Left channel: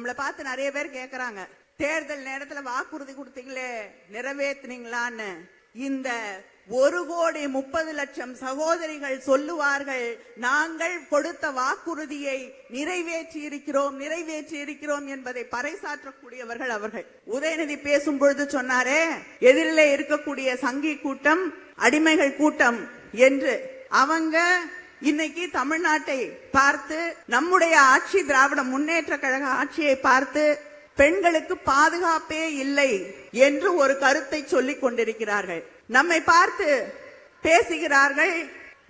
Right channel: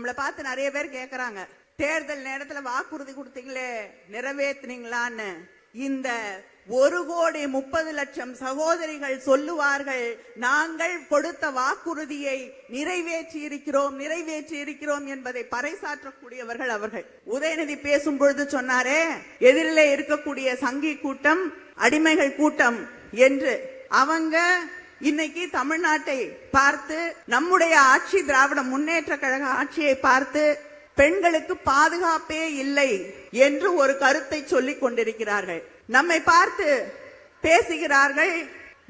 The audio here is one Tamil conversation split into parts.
நம்மள பார்த்து நிறைய பேர் கேக்குறாங்க, தேர்தல் நேரத்துல வாக்குறுதி கொடுத்தீங்களே நிறைவேற்றினீங்களான்னு. இந்த 1,30,00,000 சகோதரிகள் சொல்லுவார்கள், நாங்கள் கொடுத்த வாக்குறுதியை நிறைவேற்றி இருக்கிறோம் என்பதை பறைசாற்றக்கூடியவர்கள் அவர்கள். உதயநிதி பேசும் பொழுது சொன்னாரே, எதிரிலே இருக்கக்கூடிய சங்கி கூட்டம் அடிமைகள் கூட்டம் என்று. அவங்க இன்னைக்கு தமிழ்நாட்டை பார்த்து, நம்முடைய ஆட்சி திராவிட முன்னேற்ற கழக ஆட்சியை பார்த்து பெண்களுக்கு பாதுகாப்பே இல்லை என்று ஒரு கருத்தை சொல்லிக் கொண்டிருக்கிறார்கள். நம்மை பார்த்து பேசுகிறார்கள்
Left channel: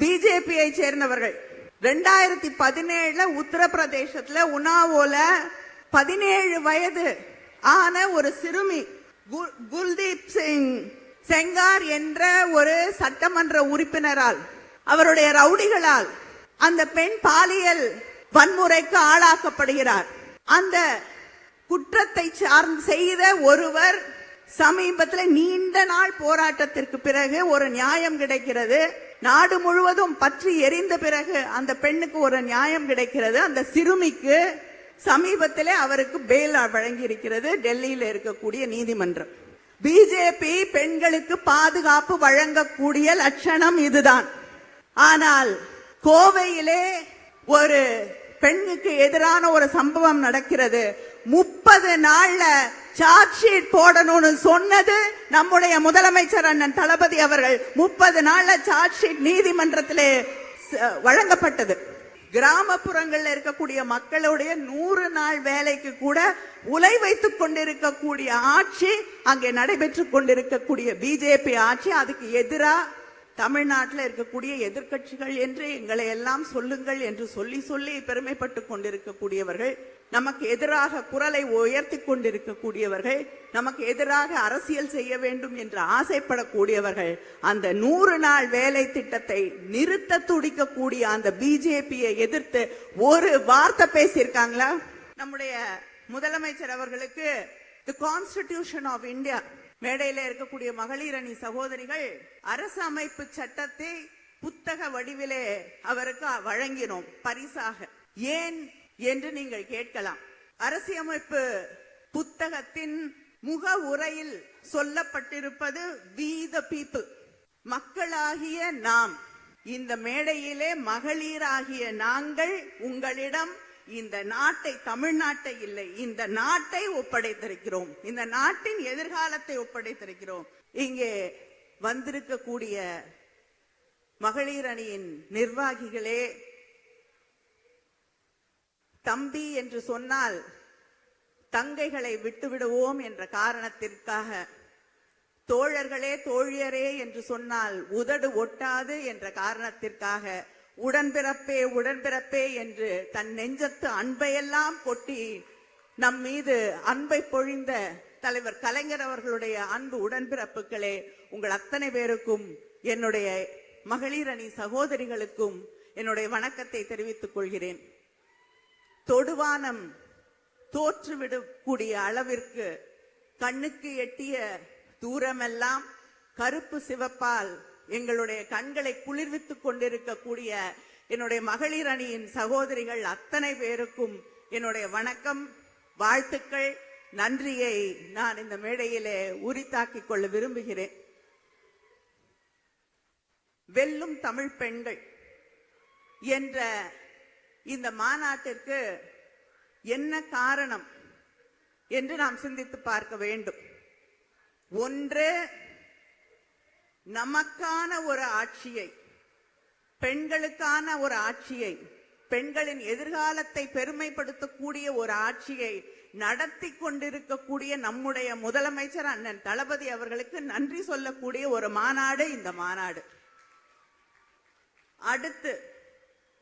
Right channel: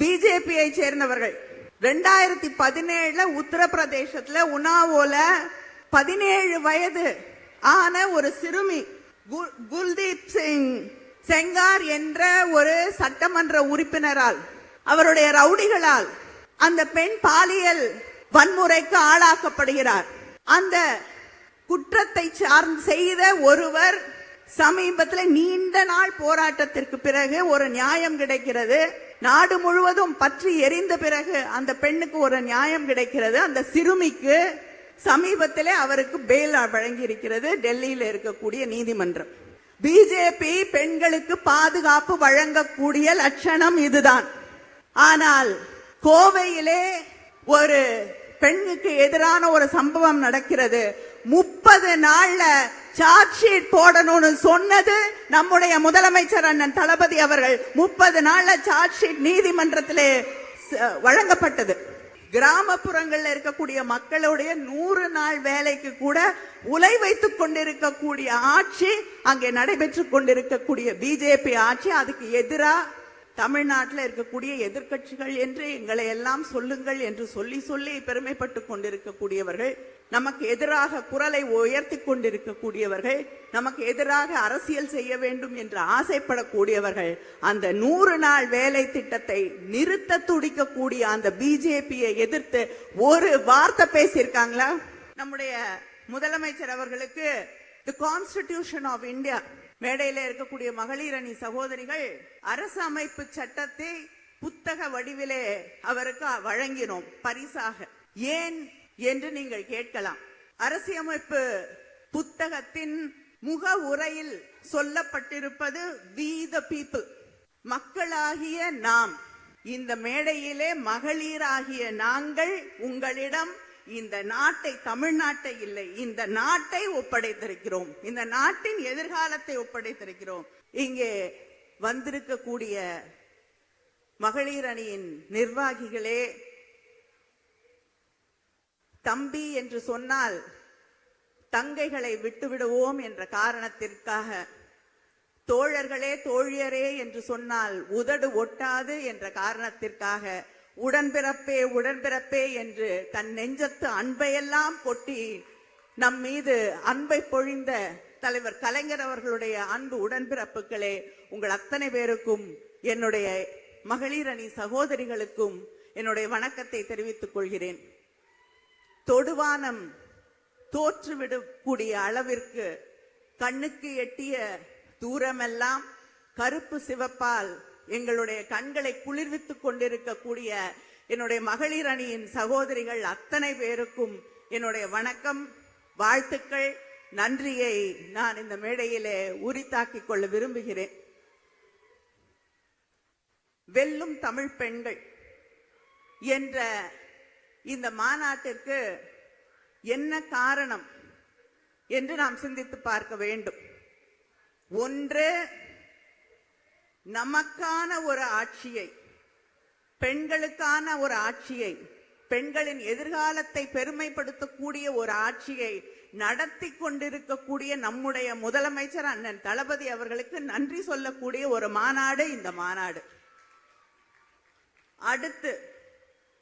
பிஜேபியை சேர்ந்தவர்கள். 2017 உத்தரப்பிரதேசத்துல உன்னாவோல 17 வயது ஆன ஒரு சிறுமி குல்தீப் சிங் செங்கார் என்ற ஒரு சட்டமன்ற உறுப்பினரால், அவருடைய ரவுடிகளால் அந்த பெண் பாலியல் வன்முறைக்கு ஆளாக்கப்படுகிறார். அந்த குற்றத்தை சார்ந்து செய்த ஒருவர் சமீபத்தில் நீண்ட நாள் போராட்டத்திற்கு பிறகு ஒரு நியாயம் கிடைக்கிறது. நாடு முழுவதும் பற்றி எரிந்த பிறகு அந்த பெண்ணுக்கு ஒரு நியாயம் கிடைக்கிறது. அந்த சிறுமிக்கு சமீபத்திலே அவருக்கு பெயில் வழங்கி இருக்கிறது டெல்லியில் இருக்கக்கூடிய நீதிமன்றம். பிஜேபி பெண்களுக்கு பாதுகாப்பு வழங்கக்கூடிய லட்சணம் இதுதான். ஆனால் கோவையிலே ஒரு பெண்ணுக்கு எதிரான ஒரு சம்பவம் நடக்கிறது. 30 நாள்ல சார்ஜ் ஷீட் போடணும்னு சொன்னது நம்முடைய முதலமைச்சர் அண்ணன் தளபதி அவர்கள். 30 நாள்ல சார்ஜ் ஷீட் நீதிமன்றத்திலே வழங்கப்பட்டது. கிராமப்புறங்கள்ல இருக்கக்கூடிய மக்களுடைய 100 நாள் வேலைக்கு கூட உலை வைத்துக் கொண்டிருக்கக்கூடிய ஆட்சி அங்கே நடைபெற்றுக் கொண்டிருக்கக்கூடிய பிஜேபி ஆட்சி. அதுக்கு எதிராக தமிழ்நாட்டில் இருக்கக்கூடிய எதிர்கட்சிகள் என்று எங்களை எல்லாம் சொல்லுங்கள் என்று சொல்லி சொல்லி பெருமைப்பட்டுக் கொண்டிருக்கக்கூடியவர்கள், நமக்கு எதிராக குரலை உயர்த்தி கொண்டிருக்கக்கூடியவர்கள், நமக்கு எதிராக அரசியல் செய்ய வேண்டும் என்று ஆசைப்படக்கூடியவர்கள், அந்த 100 நாள் வேலை திட்டத்தை நிறுத்த துடிக்கக்கூடிய அந்த பிஜேபியை எதிர்த்து ஒரு வார்த்தை பேசியிருக்காங்களா? நம்முடைய முதலமைச்சர் அவர்களுக்கு தி கான்ஸ்டிடியூஷன் ஆஃப் இந்தியா மேடையில இருக்கக்கூடிய மகளிர் அணி சகோதரிகள் அரசு அமைப்பு சட்டத்தை புத்தக வடிவிலே அவருக்கு வழங்கினோம் பரிசாக. ஏன் என்று நீங்கள் கேட்கலாம். அரசியமைப்பு புத்தகத்தின் முக உரையில் சொல்லப்பட்டிருப்பது we the people, மக்களாகிய நாம். இந்த மேடையிலே மகளிராகிய நாங்கள் உங்களிடம் இந்த நாட்டை, தமிழ்நாட்டை இல்லை, இந்த நாட்டை ஒப்படைத்திருக்கிறோம். இந்த நாட்டின் எதிர்காலத்தை ஒப்படைத்திருக்கிறோம். இங்கே வந்திருக்கக்கூடிய மகளிர் அணியின் நிர்வாகிகளே, தம்பி என்று சொன்னால் தங்கைகளை விட்டுவிடுவோம் என்ற காரணத்திற்காக, தோழர்களே தோழியரே என்று சொன்னால் உதடு ஒட்டாது என்ற காரணத்திற்காக, உடன்பிறப்பே என்று தன் நெஞ்சத்து அன்பையெல்லாம் கொட்டி நம் மீது அன்பை பொழிந்த தலைவர் கலைஞர் அவர்களுடைய அன்பு உடன்பிறப்புகளே, உங்கள் அத்தனை பேருக்கும், என்னுடைய மகளிர் அணி சகோதரிகளுக்கும் என்னுடைய வணக்கத்தை தெரிவித்துக் கொள்கிறேன். தொடுவானம் தோற்றுவிடக்கூடிய அளவிற்கு கண்ணுக்கு எட்டிய தூரமெல்லாம் கருப்பு சிவப்பால் எங்களுடைய கண்களை குளிர்வித்துக் கொண்டிருக்கக்கூடிய என்னுடைய மகளிர் அணியின் சகோதரிகள் அத்தனை பேருக்கும் என்னுடைய வணக்கம், வாழ்த்துக்கள், நன்றியை நான் இந்த மேடையிலே உரித்தாக்கிக் கொள்ள விரும்புகிறேன். வெல்லும் தமிழ் பெண்கள் என்ற இந்த மாநாட்டிற்கு என்ன காரணம் என்று நாம் சிந்தித்து பார்க்க வேண்டும். ஒன்று, நமக்கான ஒரு ஆட்சியை, பெண்களுக்கான ஒரு ஆட்சியை, பெண்களின் எதிர்காலத்தை பெருமைப்படுத்தக்கூடிய ஒரு ஆட்சியை நடத்தி கொண்டிருக்கக்கூடிய நம்முடைய முதலமைச்சர் அண்ணன் தளபதி அவர்களுக்கு நன்றி சொல்லக்கூடிய ஒரு மாநாடு இந்த மாநாடு. அடுத்து,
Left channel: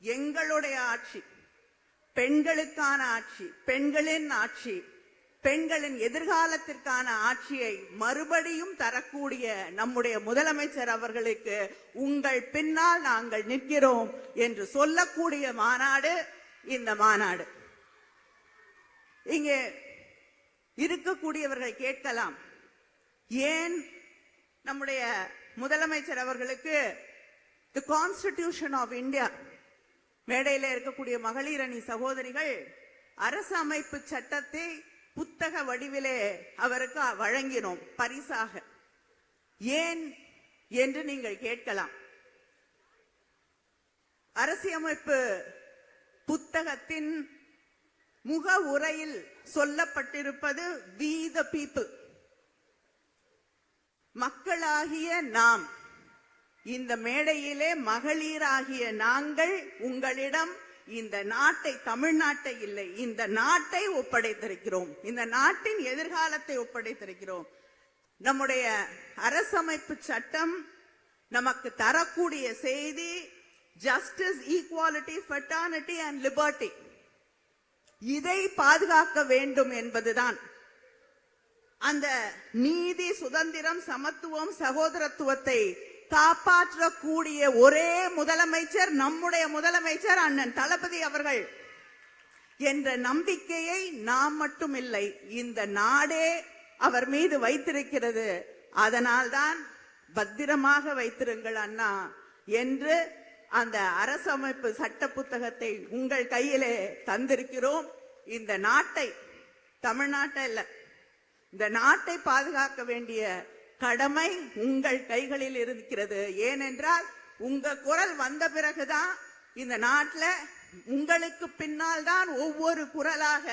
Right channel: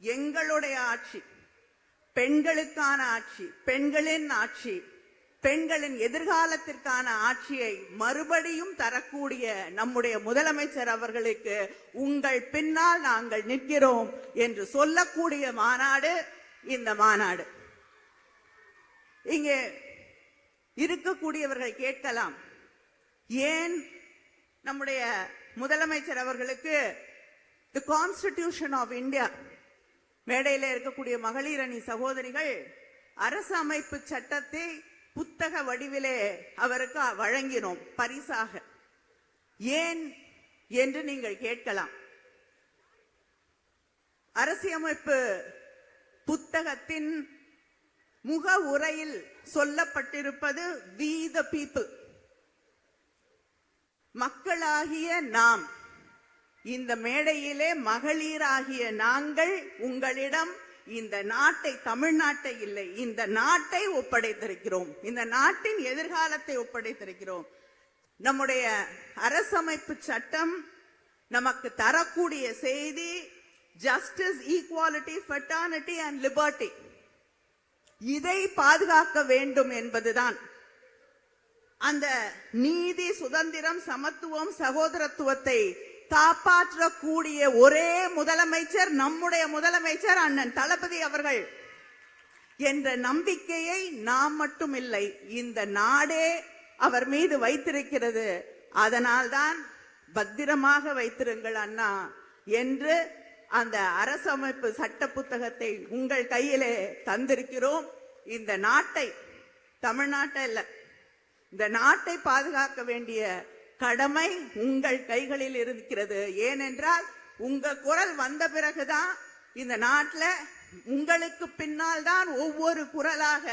எங்களுடைய ஆட்சி, பெண்களுக்கான ஆட்சி, பெண்களின் ஆட்சி, பெண்களின் எதிர்காலத்திற்கான ஆட்சியை மறுபடியும் தரக்கூடிய நம்முடைய முதலமைச்சர் அவர்களுக்கு உங்கள் பின்னால் நாங்கள் நிற்கிறோம் என்று சொல்லக்கூடிய மாநாடு இந்த மாநாடு. இங்கே இருக்கக்கூடியவர்கள் கேட்கலாம், ஏன் நம்முடைய முதலமைச்சர் அவர்களுக்கு தி கான்ஸ்டிடியூஷன் ஆஃப் இந்தியா, மேடையில இருக்கக்கூடிய மகளிர் அணி சகோதரிகள் அரசு அமைப்பு சட்டத்தை புத்தக வடிவிலே அவருக்கு வழங்கினோம் பரிசாக. ஏன் என்று நீங்கள் கேட்கலாம். அரசியமைப்பு புத்தகத்தின் முக உரையில் சொல்லப்பட்டிருப்பது we the people, மக்களாகிய நாம். இந்த மேடையிலே மகளிராகிய நாங்கள் உங்களிடம் இந்த நாட்டை, தமிழ்நாட்டை இல்லை, இந்த நாட்டை ஒப்படைத்திருக்கிறோம். இந்த நாட்டின் எதிர்காலத்தை ஒப்படைத்திருக்கிறோம். நம்முடைய அரசமைப்பு சட்டம் நமக்கு தரக்கூடிய செய்தி justice, equality, fraternity and liberty. இதை பாதுகாக்க வேண்டும் என்பதுதான். அந்த நீதி, சுதந்திரம், சமத்துவம், சகோதரத்துவத்தை காப்பாற்றக்கூடிய ஒரே முதலமைச்சர் நம்முடைய முதலமைச்சர் அண்ணன் தளபதி அவர்கள் என்ற நம்பிக்கையை நாம் மட்டும் இல்லை, இந்த நாடே அவர் மீது வைத்திருக்கிறது. அதனால்தான் பத்திரமாக வைத்திருங்கள் அண்ணா என்று அந்த அரசமைப்பு சட்ட புத்தகத்தை உங்கள் கையிலே தந்திருக்கிறோம். இந்த நாட்டை, தமிழ்நாட்டை இல்ல, இந்த நாட்டை பாதுகாக்க வேண்டிய கடமை உங்கள் கைகளில் இருக்கிறது. ஏனென்றால் உங்க குரல் வந்த பிறகுதான் இந்த நாட்டில் உங்களுக்கு பின்னால் தான் ஒவ்வொரு குரலாக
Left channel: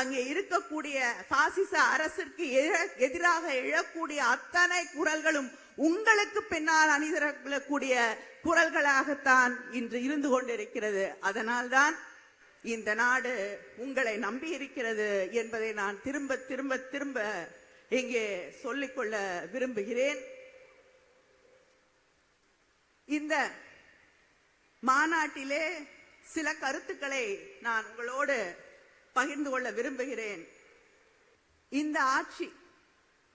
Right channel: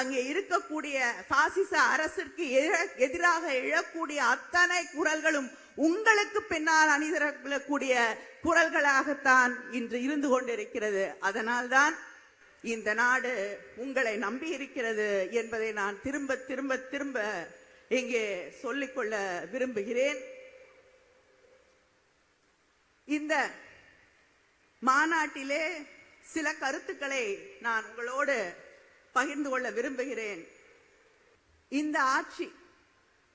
அங்கே இருக்கக்கூடிய பாசிச அரசுக்கு எதிராக எழக்கூடிய அத்தனை குரல்களும் உங்களுக்கு பின்னால் அணிதிரக்கூடிய குரல்களாகத்தான் இன்று இருந்து கொண்டிருக்கிறது. அதனால்தான் இந்த நாடு உங்களை நம்பி இருக்கிறது என்பதை நான் திரும்ப திரும்ப திரும்ப இங்கே சொல்லிக்கொள்ள விரும்புகிறேன். இந்த மாநாட்டிலே சில கருத்துக்களை நான் உங்களோடு பகிர்ந்து கொள்ள விரும்புகிறேன். இந்த ஆட்சி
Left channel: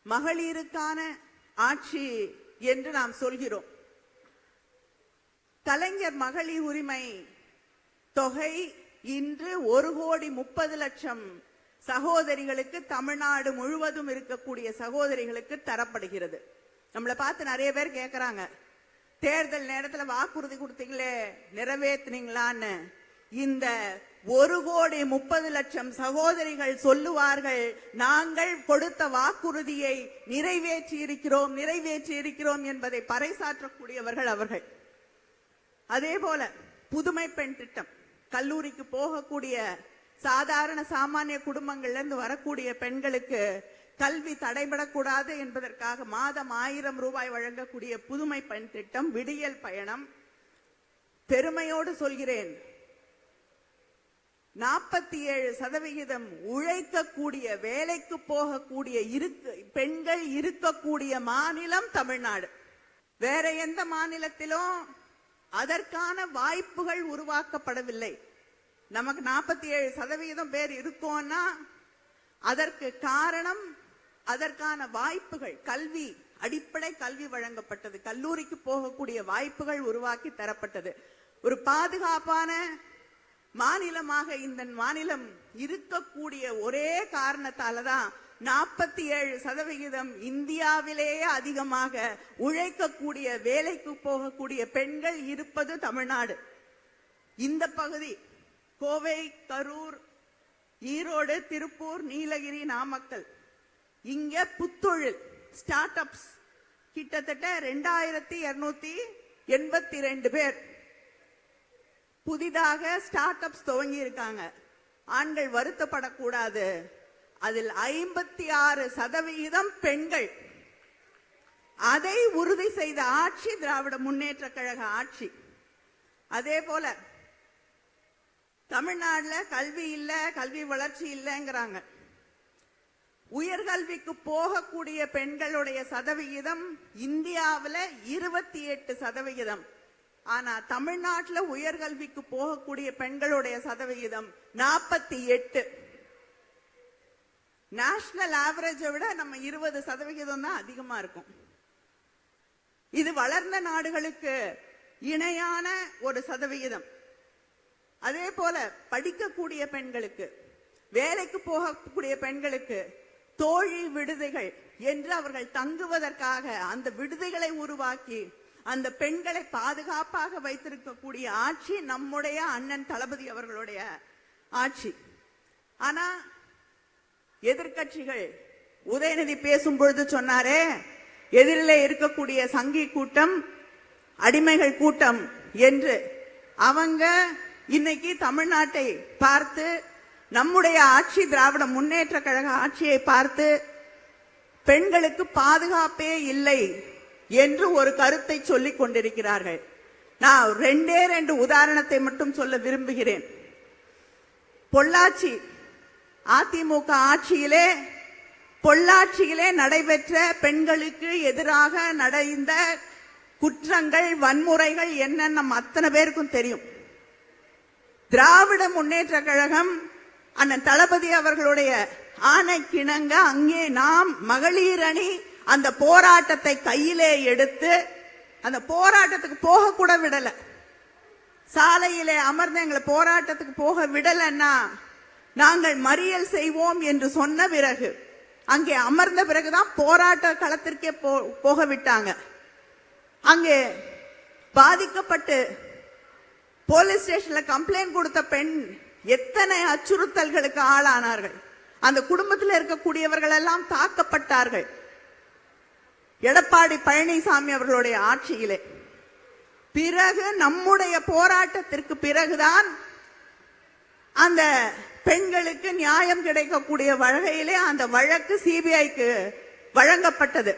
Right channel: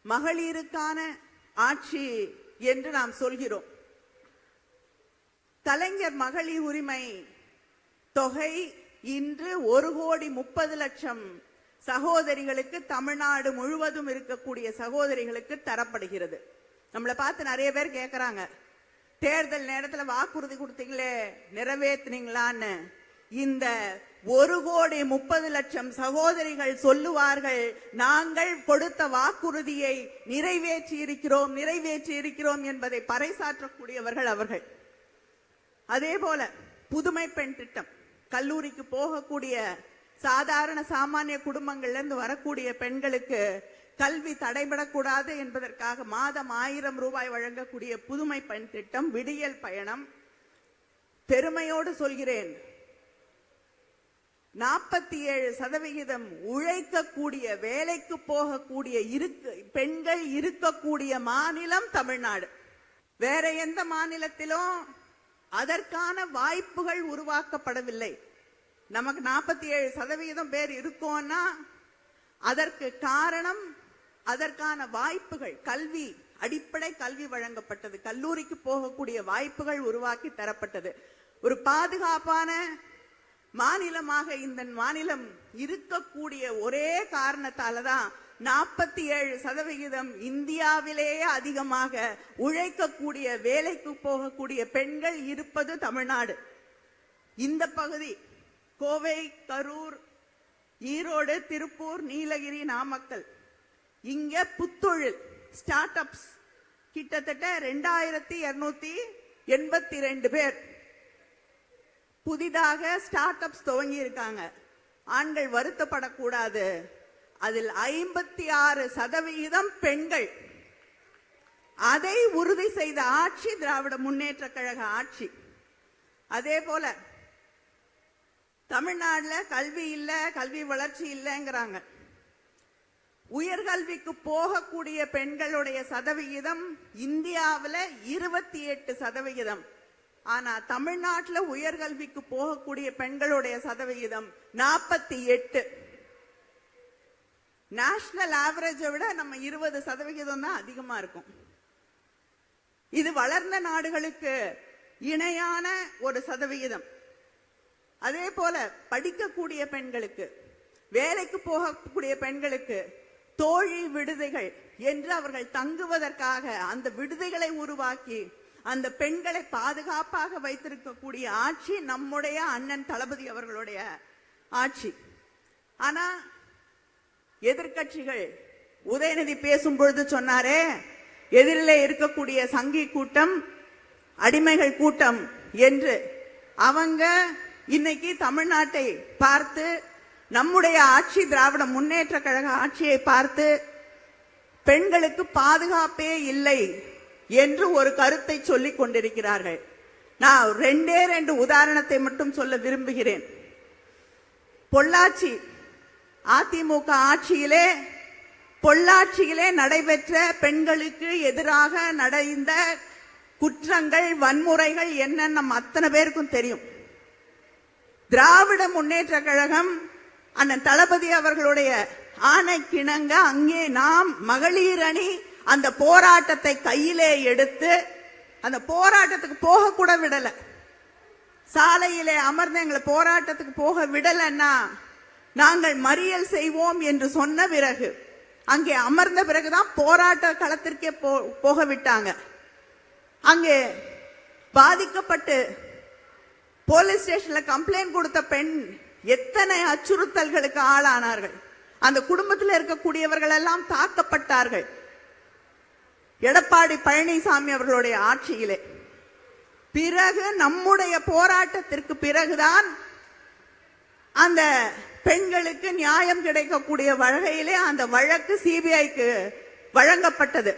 மகளிருக்கான ஆட்சி என்று நாம் சொல்கிறோம். கலைஞர் மகளிர் உரிமை தொகை இன்று 1,30,00,000 சகோதரிகளுக்கு, தமிழ்நாடு முழுவதும் இருக்கக்கூடிய சகோதரிகளுக்கு தரப்படுகிறது. நம்மளை பார்த்து நிறைய பேர் கேட்கிறாங்க, தேர்தல் நேரத்தில் வாக்குறுதி கொடுத்தீங்களே நிறைவேற்றினீங்களான்னு. இந்த 1,30,00,000 சகோதரிகள் சொல்லுவார்கள், நாங்கள் கொடுத்த வாக்குறுதியை நிறைவேற்றி இருக்கிறோம் என்பதை பறைசாற்றக்கூடியவர்கள் அவர்கள். அதே போல புதுமை பெண் திட்டம், கல்லூரிக்கு போகக்கூடிய சாதாரண சாமானிய குடும்பங்கள்ல இருந்து வரக்கூடிய பெண்களுக்கு கல்வி தடைபடக்கூடாது என்பதற்காக மாதம் 1000 ரூபாய் வழங்கக்கூடிய புதுமை பெண் திட்டம், விடியல் பயணம். பெருமையோடு சொல்கிறேன், 47% உழைக்கக்கூடிய, வேலைக்கு போகக்கூடிய பெண்கள் இருக்கக்கூடிய மாநிலம் தமிழ்நாடு. வேற எந்த மாநிலத்திலும் அதற்கான வாய்ப்புகள் உருவாக்கப்படவில்லை. நமக்கு 47% பேர் இருக்கோம்னா அதற்கு காரணம், அதற்கான வாய்ப்புகள், கல்வி, அடிப்படை கல்வி வழங்கப்பட்டது, கல்லூரிக்கு போகக்கூடிய வாய்ப்புகள் உருவாக்கி தரப்பட்டது. ஒரு பாதுகாப்பான மாநிலமாக இந்த மாநிலம் இருக்கக்கூடிய ஒரே காரணத்தாலதான் 47% இந்தியாவிலேயே அதிகமாக உழைக்கக்கூடிய, வேலைக்கு போகக்கூடிய பெண்கள் இருப்பது தமிழ்நாடு. இந்த பகுதி கோவை, கரூர், ஈரோடு, திருப்பூர், நீலகிரி, நாமக்கல், இங்க புத்தொழில் ஸ்டார்ட் அப்ஸ் கிட்டத்தட்ட 2282 பேர் புதிதாக ஸ்டார்ட் அப்ஸ் துவங்கி இருக்காங்க. ஆண்கள் வருத்தப்படக்கூடாது. அதில் 56% பெண்கள். அதை உறுதி செய்த ஆட்சி திராவிட முன்னேற்ற கழக ஆட்சி. அதே போல தமிழ்நாடுல கல்வி இல்ல, கல்வி வளர்ச்சி இல்லைங்கிறாங்க. உயர்கல்விக்கு போகக்கூடிய பெண்களுடைய சதவிகிதம் இந்தியாவில 28%. ஆனா தமிழ்நாட்டுல உயர்கல்விக்கு போகக்கூடிய பெண்களுடைய சதவிகிதம் 48. நேஷனல் ஆவரேஜை விட நம்ம 20% தான் அதிகமா இருக்கும். இது வளர்ந்த நாடுகளுக்கு இணையான ஒரு சதவிகிதம். அதே போல படிக்கக்கூடிய பெண்களுக்கு, வேலைக்கு போகக்கூடிய பெண்களுக்கு தோழி விடுதிகள் என்று அவர்கள் தங்குவதற்காக அந்த விடுதிகளை உருவாக்கி அந்த பெண்களை பாதுகாப்பாக வைத்திருக்கக்கூடிய ஆட்சி நம்முடைய அண்ணன் தளபதி அவர்களுடைய ஆட்சி. ஆனா எதிர்க்கட்சிகள் உதயநிதி பேசும் பொழுது சொன்னாரே, எதிரிலே இருக்கக்கூடிய சங்கி கூட்டம் அடிமைகள் கூட்டம் என்று. அவங்க இன்னைக்கு தமிழ்நாட்டை பார்த்து, நம்முடைய ஆட்சி திராவிட முன்னேற்ற கழக ஆட்சியை பார்த்து பெண்களுக்கு பாதுகாப்பே இல்லை என்று ஒரு கருத்தை சொல்லிக் கொண்டிருக்கிறார்கள். நான் ரெண்டு உதாரணத்தை மட்டும் சொல்ல விரும்புகிறேன். பொள்ளாச்சி அதிமுக ஆட்சியிலே பொள்ளாச்சியிலே நடைபெற்ற பெண்களுக்கு எதிராக நடந்த குற்றங்கள், வன்முறைகள் என்னன்னு நம்ம அத்தனை பேருக்கும் தெரியும். திராவிட முன்னேற்ற கழகம் அண்ணன் தளபதி அவர்களுடைய ஆணைக்கிணங்க அங்கே நாம் மகளிர் அணி அந்த போராட்டத்தை கையிலே எடுத்து அந்த போராட்டத்துக்கு போக கூட விடல. சாலையிலே அமர்ந்து எங்களை போராட்டத்துக்கு போக விடலன்னா நாங்கள் மறியல் செய்வோம் என்று சொன்ன பிறகு, அங்கே அமர்ந்த பிறகுதான் போராட்ட களத்திற்கே போக விட்டாங்க. அங்கே பாதிக்கப்பட்டு போலீஸ் ஸ்டேஷன்ல கம்ப்ளைண்ட் கொடுத்த பெண் எத்தனை அச்சுறுத்தல்களுக்கு ஆளானார்கள். அந்த குடும்பத்தில் இருக்கக்கூடியவர்கள் எல்லாம் தாக்கப்பட்டார்கள். எடப்பாடி பழனிசாமி அவர்களுடைய ஆட்சியிலே பிறகு நம்முடைய போராட்டத்திற்கு பிறகுதான் அந்த பெண்களுக்கு நியாயம் கிடைக்கக்கூடிய வகையிலே அந்த வழக்கு சிபிஐக்கு வழங்கப்பட்டது.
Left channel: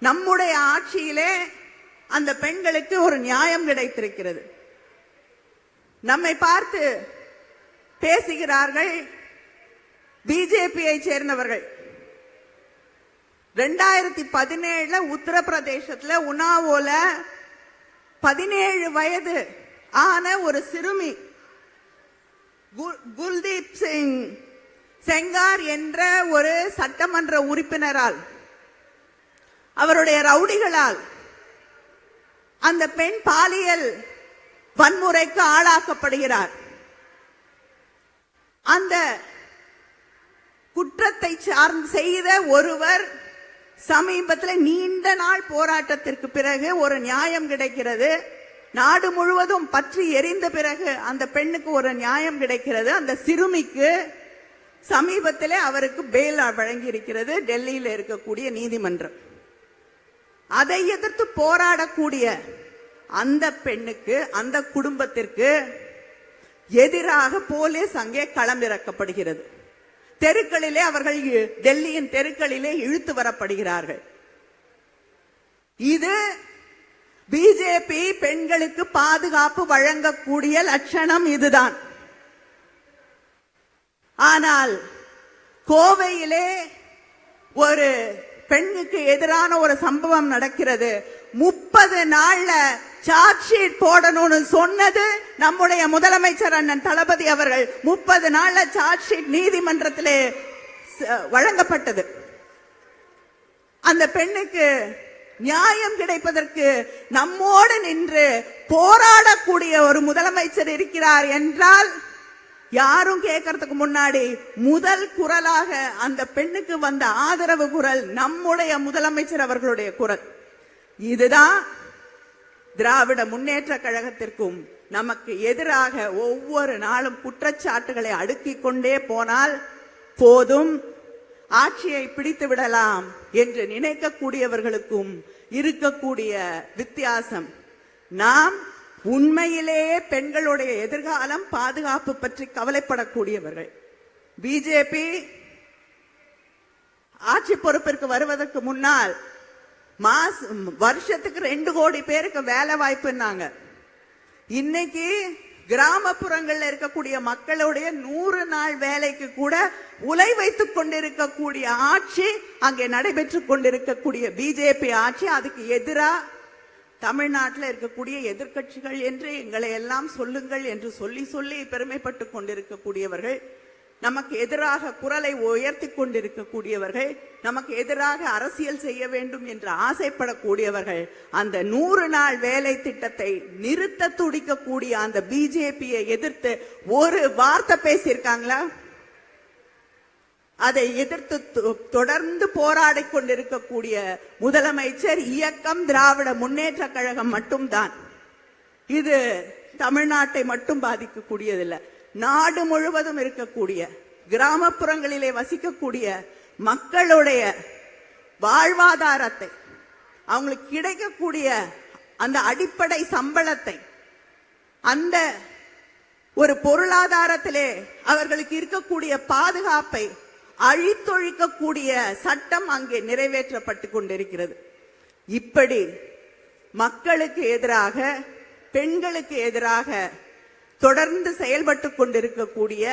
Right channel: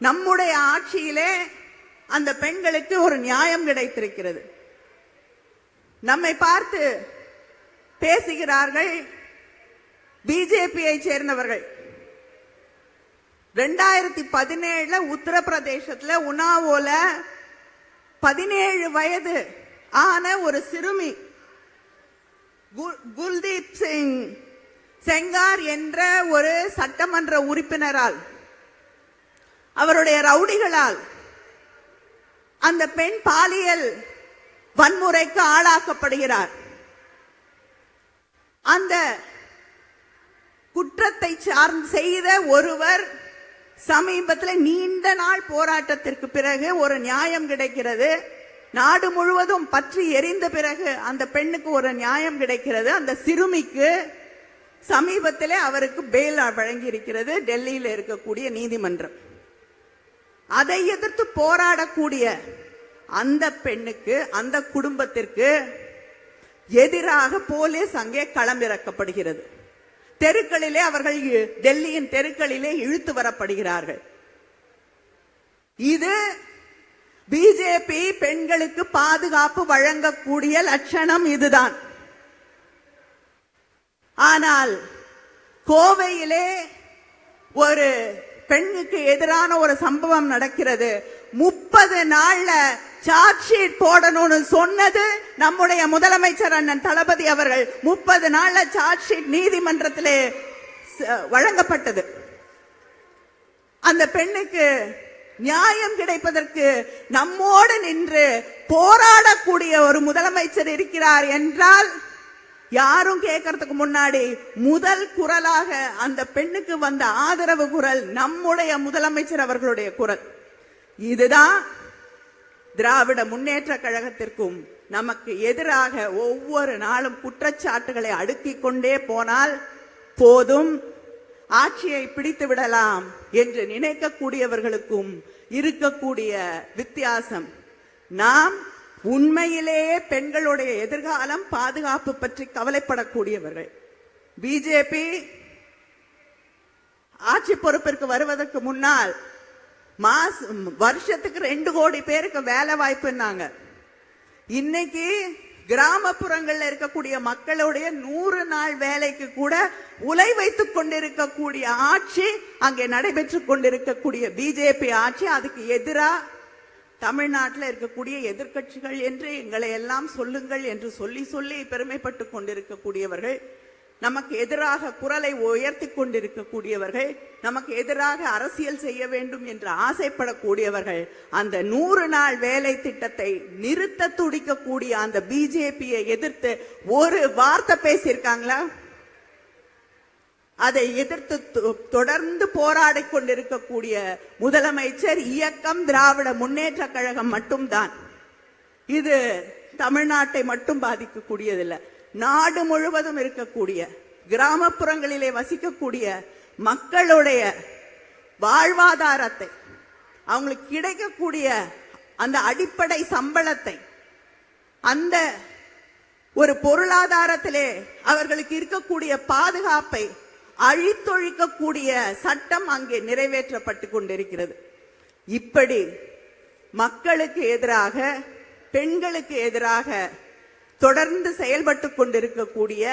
நம்முடைய ஆட்சியிலே அந்த பெண்களுக்கு ஒரு நியாயம் கிடைத்திருக்கிறது. நம்மை பார்த்து பேசுகிறார்கள் பிஜேபியை சேர்ந்தவர்கள். 2017 உத்தரப்பிரதேசத்துல உன்னாவோல 17 வயது ஆன ஒரு சிறுமி குல்தீப் சிங் செங்கார் என்ற ஒரு சட்டமன்ற உறுப்பினரால், அவருடைய ரவுடிகளால் அந்த பெண் பாலியல் வன்முறைக்கு ஆளாக்கப்படுகிறார். அந்த குற்றத்தை செய்த ஒருவர் சமீபத்தில் நீண்ட நாள் போராட்டத்திற்கு பிறகு ஒரு நியாயம் கிடைக்கிறது. நாடு முழுவதும் பற்றி எரிந்த பிறகு அந்த பெண்ணுக்கு ஒரு நியாயம் கிடைக்கிறது. அந்த சிறுமிக்கு சமீபத்திலே அவருக்கு பெயில் வழங்கி இருக்கிறது டெல்லியில் இருக்கக்கூடிய நீதிமன்றம். அதை எதிர்த்து போராடக்கூடிய அந்த பெண்ணுக்கு, அந்த குடும்பத்திற்கு எதிராக போலீஸ் அங்கே களமிறக்கப்படுகிறது. தெருக்களிலே அவர்கள் டெல்லியின் தெருக்களிலே இழுத்து வரப்படுகிறார்கள். இது பிஜேபி பெண்களுக்கு பாதுகாப்பு வழங்கக்கூடிய லட்சணம் இதுதான். ஆனால் கோவையிலே ஒரு பெண்ணுக்கு எதிரான ஒரு சம்பவம் நடக்கிறது. 30 நாள்ல சார்ஜ் ஷீட் போடணும்னு சொன்னது நம்முடைய முதலமைச்சர் அண்ணன் தளபதி அவர்கள். 30 நாள்ல சார்ஜ் ஷீட் நீதிமன்றத்திலே வழங்கப்பட்டது. அந்த பெண்ணுக்கு நியாயம் கிடைப்பதற்கு நம்மோடு நின்று போராடக்கூடிய ஒரு முதலமைச்சர் இருக்கிறார் என்றால், யாரும் கேட்கறதுக்கு முன்னாடி முதல் குரலாக அந்த பெண்ணுக்கு வந்த ஆதரவு குரல் நம்முடைய முதலமைச்சர் அவர்களுடைய குரல். இதுதான் திராவிட முன்னேற்ற கழகத்திற்கும் நமக்கு எதிராக ஒவ்வொரு நாளும் குற்றச்சாட்டுகளை அடுக்கிக் கொண்டே போனால் போதும், ஆட்சியை பிடித்து விடலாம் என்று நினைக்கக்கூடியவர்களுக்கும் இருக்கக்கூடிய வித்தியாசம். நாம் உண்மையிலேயே பெண்களுடைய எதிர்காலம், பாதுகாப்பு பற்றி கவலைப்படக்கூடியவர்கள். பிஜேபி ஆட்சி பொறுப்பிற்கு வருவதற்கு முன்னால் வருஷத்துக்கு 2 கோடி பேருக்கு வேலை வாய்ப்புன்னாங்க. இன்னைக்கு கிராமப்புறங்கள்ல இருக்கக்கூடிய மக்களுடைய 100 நாள் வேலைக்கு கூட உலை வைத்துக் கொண்டிருக்கக்கூடிய ஆட்சி அங்கே நடைபெற்றுக் கொண்டிருக்கக்கூடிய பிஜேபி ஆட்சி. அதுக்கு எதிராக தமிழ்நாட்டில் இருக்கக்கூடிய எதிர்க்கட்சிகள் என்று எங்களை எல்லாம் சொல்லுங்கள் என்று சொல்லி சொல்லி பெருமைப்பட்டுக் கொண்டிருக்கக்கூடியவர்கள், நமக்கு எதிராக குரலை உயர்த்தி கொண்டிருக்கக்கூடியவர்கள், நமக்கு எதிராக அரசியல் செய்ய வேண்டும் என்று ஆசைப்படக்கூடியவர்கள், அந்த 100 நாள் வேலை திட்டத்தை நிறுத்த துடிக்கக்கூடிய அந்த பிஜேபியை எதிர்த்து ஒரு வார்த்தை பேசியிருக்காங்களா? அதை எதிர்த்து தொடர்ந்து போராடிக் கொண்டிருக்கக்கூடிய முதலமைச்சர் இயக்கம் திராவிட முன்னேற்ற கழகம் மட்டும்தான். இது தமிழ்நாட்டை மட்டும் பாதிக்கக்கூடியதில்லை, நாடு முழுவதும் இருக்கக்கூடிய கிராமப்புறங்களிலே வசிக்கக்கூடிய மக்களுடைய வாழ்வாதாரத்தை, அவங்களுக்கு கிடைக்கக்கூடிய அந்த அடிப்படை சம்பளத்தை, அந்த ஒரு பொருளாதாரத்திலே அவர்களுக்கு இருக்கக்கூடிய பாதுகாப்பை அழித்தொழிக்கக்கூடிய சட்டம் அங்கே நிறைவேற்றப்பட்டு கொண்டிருக்கிறது. இப்படி மக்களுக்கு எதிராக, பெண்களுக்கு எதிராக தொடர்ந்து செயல்பட்டு கொண்டிருக்கக்கூடிய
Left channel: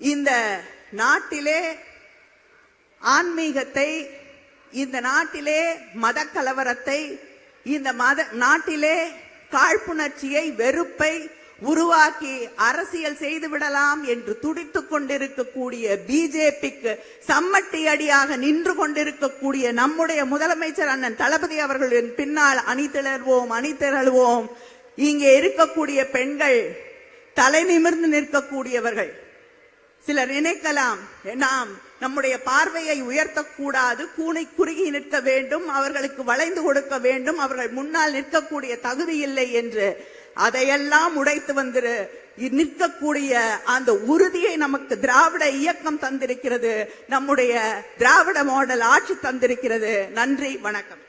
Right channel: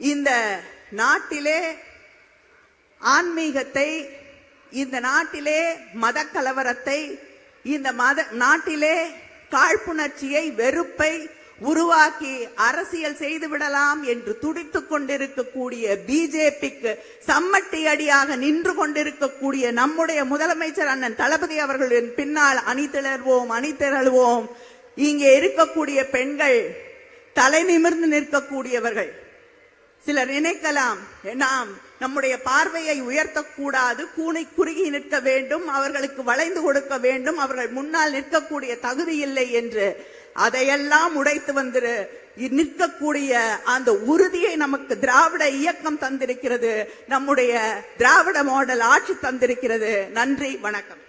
இந்த நாட்டிலே ஆன்மீகத்தை, இந்த நாட்டிலே மத கலவரத்தை, இந்த நாட்டிலே காழ்ப்புணர்ச்சியை, வெறுப்பை உருவாக்கி அரசியல் செய்து விடலாம் என்று துடித்துக் கொண்டிருக்கக்கூடிய பிஜேபிக்கு சம்மட்டி அடியாக நின்று கொண்டிருக்கக்கூடிய நம்முடைய முதலமைச்சர் அண்ணன் தளபதி அவர்களின் பின்னால் அணிதிரள்வோம். இங்கே இருக்கக்கூடிய பெண்கள் தலை நிமிர்ந்து நிற்கக்கூடியவர்கள். சிலர் நினைக்கலாம், நாம் நம்முடைய பார்வையை உயர்த்தக்கூடாது, குறுகி நிற்க வேண்டும், அவர்களுக்கு வளைந்து கொடுக்க வேண்டும், அவர்கள் முன்னால் நிற்கக்கூடிய தகுதி இல்லை என்று. அதையெல்லாம் உடைத்து வந்து நிற்கக்கூடிய அந்த உறுதியை நமக்கு திராவிட இயக்கம் தந்திருக்கிறது. நம்முடைய திராவிட மாடல் ஆட்சி தந்திருக்கிறது. நன்றி, வணக்கம்.